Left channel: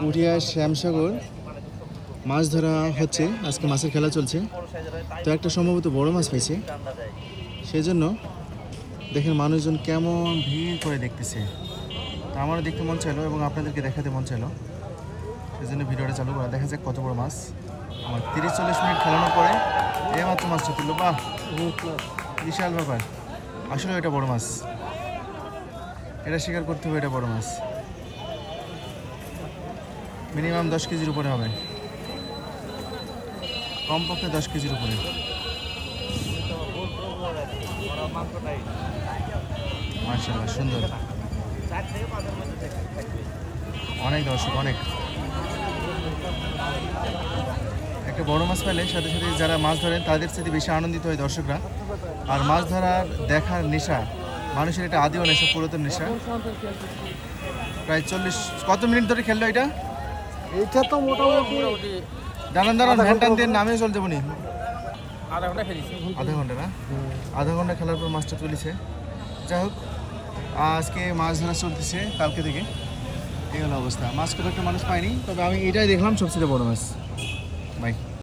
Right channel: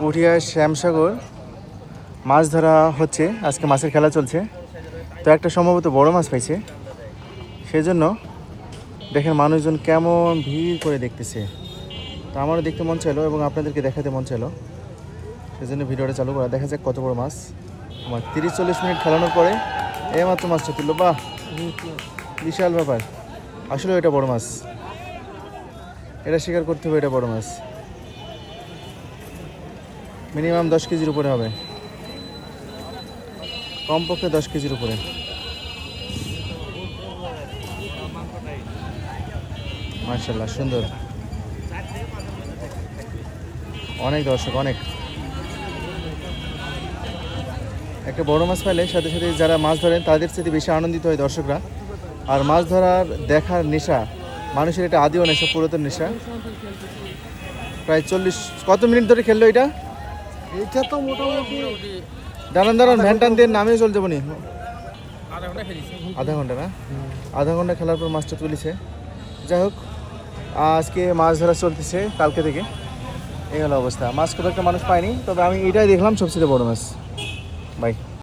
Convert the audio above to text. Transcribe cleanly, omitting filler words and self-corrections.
পুঠিয়া শ্যামসাগর মাছ ধরা হচ্ছে, আজকে মাছের খেলা চলছে। তো একটা সম্ভবত বড় মাছ পাইছে, সেজন্য দেখেন মানুষজন কেমন ভিড় করে দেখতেছে। তো আমারও দেখতে মন চাইলো এবং আপনাদেরকে দেখাতে মন চাইলো, সেজন্য ভিডিওটা চালু করা। দেখা যাক কত বড় মাছ। আমার 30-40 মিনিট খেলানোর পরে এইমাত্র মাছটা তুললো। বাহ, বিশাল ব্যাপার। আসলে এটা বড় মাছ, এটা স্বীকার করতে হবে, এটা বড় মাছ। মিনিমাম 10 কেজির উপরে হবে, কমপক্ষে 10 কেজির উপরে। মাশাআল্লাহ, সুন্দর। অনেক দর্শক, অনেক। একটা বড় মাছ পাইলে সাথে সাথে যারা মাছ ধরেন তাদের সাথে বেশি আনন্দিত হয় দর্শকরা। আর মাছ ধরার দেখার নেশা মানুষের, এটা আদিও নেশা, পুরাতন নেশা। প্রায় 40 কত মিনিট ধরে খেললো এটা? এইটা তো মোটামুটি দাঁড়ান ভ্যান টান দিয়ে নামিয়ে চলতে পারি। আধা ঘন্টা খেলেছি। আধা ঘন্টা না? আধা ঘন্টা খেলার পর মাছটা তুলেছে। যাই হোক, আজকে মাছ ধরা চলতেছে কালকে থেকে। এই হলো অবস্থা। মাছ খুব একটা মানুষ পায়নি, তবে আমি এটাই দেখলাম সবচেয়ে বড় মাছ। বাই।